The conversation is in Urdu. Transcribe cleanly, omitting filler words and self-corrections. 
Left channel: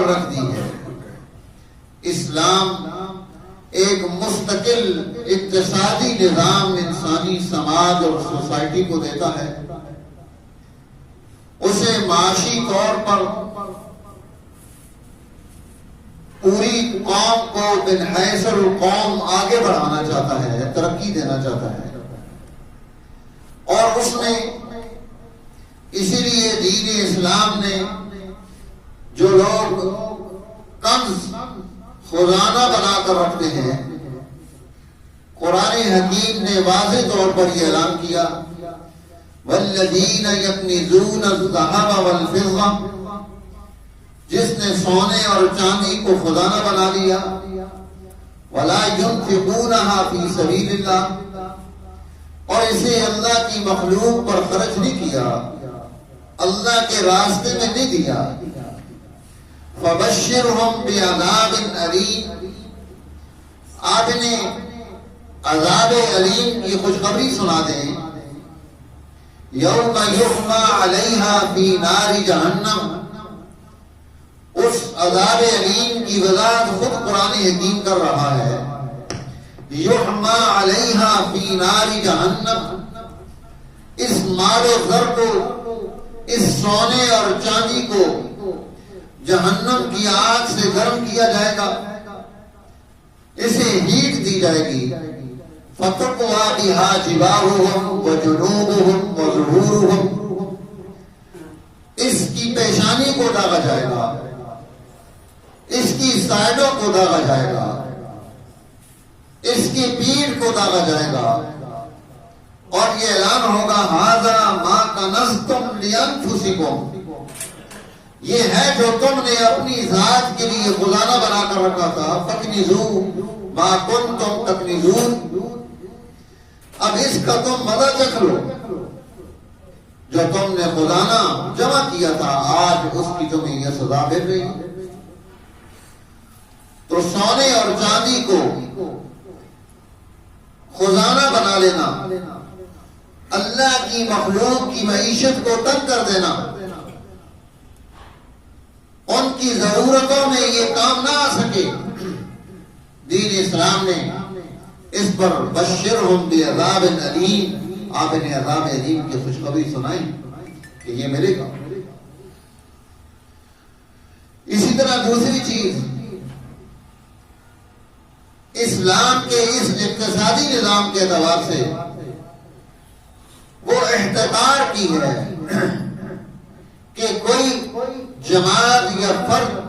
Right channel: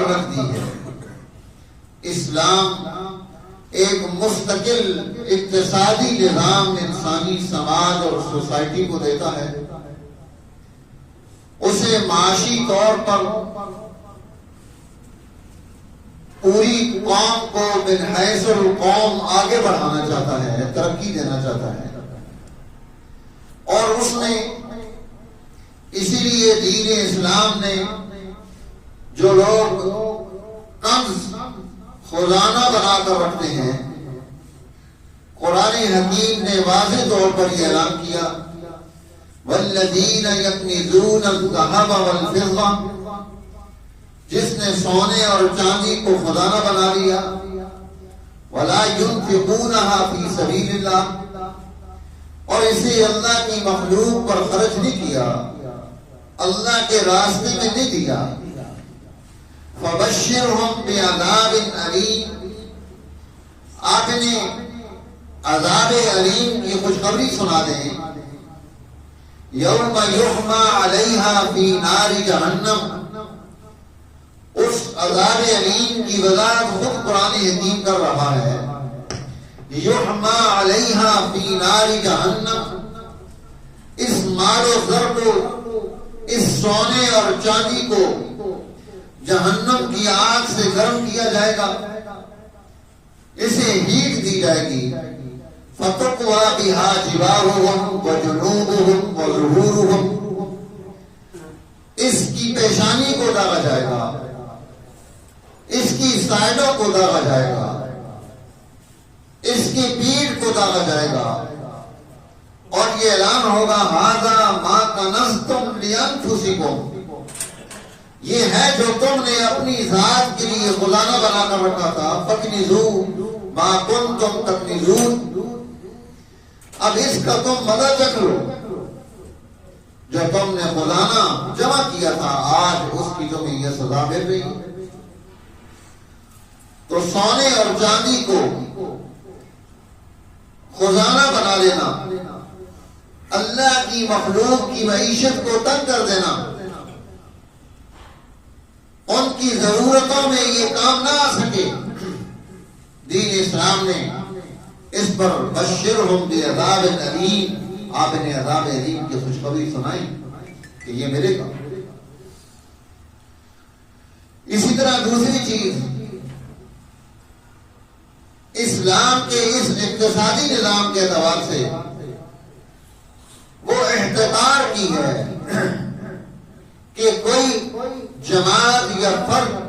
رکھ دی ہے۔ اسلام ایک مستقل اقتصادی نظام انسانی سماج اور سوسائٹی کو دیتا ہے، اسے معاشی طور پر پوری قوم کو من حیث القوم آگے بڑھانا چاہتا ہے، ترقی دینا چاہتا ہے، اور اس میں اسی لیے دین اسلام نے جو لوگ کنز خزانہ بنا کر رکھتے ہیں، قرآن حکیم نے واضح طور پر یہ اعلان کیا والذین یکنزون الذھب والفضہ، جس نے سونے اور چاندی کو خزانہ بنا لیا، ولا ينفقونها فی سبیل اللہ، اور اسے اللہ کی مخلوق پر خرچ نہیں کیا، اللہ کے راستے میں نہیں دیا، فبشرہم بعذاب علیم، آپ انہیں عذاب علیم کی خوشخبری سنا دیں۔ یوم یحمى علیہا فی نار جہنم، اس عذاب علیم کی وضاحت خود قرآن حکیم کر رہا ہے۔ یحمى علیہا فی نار جہنم، اس مال و زر کو، اس سونے اور چاندی کو جہنم کی آگ سے گرم کیا جائے گا، اسے ہیٹ دی جائے گی، فَتَقْوَى بِهَا جِبَاهُهُمْ وَجُنُوبُهُمْ وَظُهُورُهُمْ، اس کی پیشانی کو داغا جائے گا، اس کی سائڈوں کو داغا جائے گا، اس کی پیٹھ کو داغا جائے گا، اور یہ اعلان ہوگا هَذَا مَا كَنَزْتُمْ لِأَنفُسِكُمْ، یہ ہے جو تم نے اپنی ذات کے لیے خزانہ بنا کر رکھا تھا، فَاكْنِزُوا مَا كُنْتُمْ تَكْنِزُونَ، اب اس کا تم مزہ چکھ لو، جو تم نے خزانہ جمع کیا تھا، آج اس کی تمہیں یہ سزا مل رہی۔ تو سونے اور چاندی کو خزانہ بنا لینا، اللہ کی مخلوق کی معیشت کو تنگ کر دینا، ان کی ضرورتوں میں یہ کام نہ آ سکے، دین اسلام نے اس پر بشرہم بعذاب علیم، آپ انہیں عذاب علیم کی خوشخبری سنائیں کہ یہ ملے گا۔ اسی طرح دوسری چیز، اسلام کے اس اقتصادی نظام کے اعتبار سے وہ احتکار کی ہے کہ کوئی جماعت یا فرد